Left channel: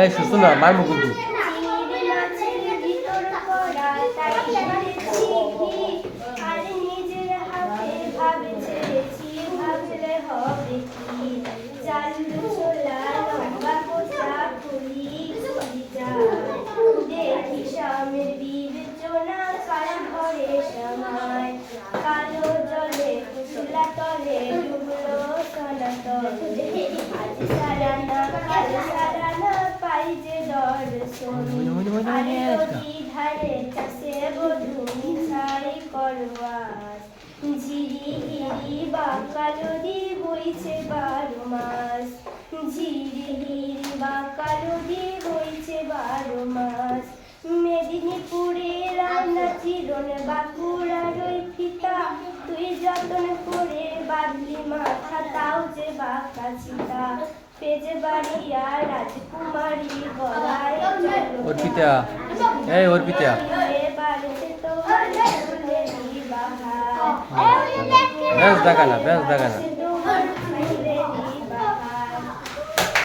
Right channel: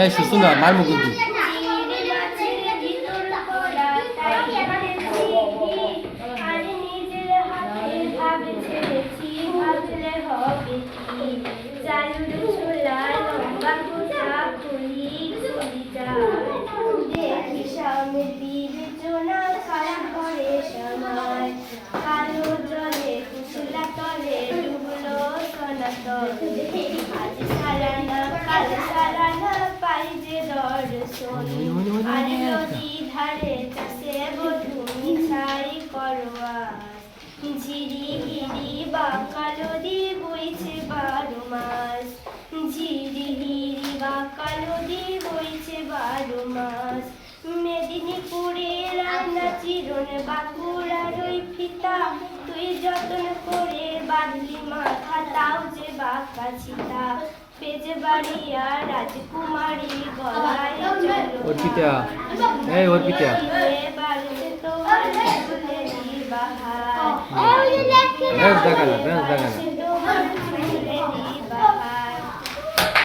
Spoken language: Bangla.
এই শুশুন না মারমু কিন্তু ঝিরিহিরি বাঁকা নদী বইছে 12 মাস ঝিরিহিরি বাঁকা নদী বইছে 12 মাস মেদিনীপুরে রান্না চিরন বাঁকুড়ার ওই ফিতা তুই যতন করে বাঁধলি মাথা তাও যে বাঁকা চিতা পেজে বাড়িয়া রাজকুমারী গলায় অর্পিতা এই অর্পিতা বাড়িতে তোমার ফুলেরই বাহার বেশ দেখানা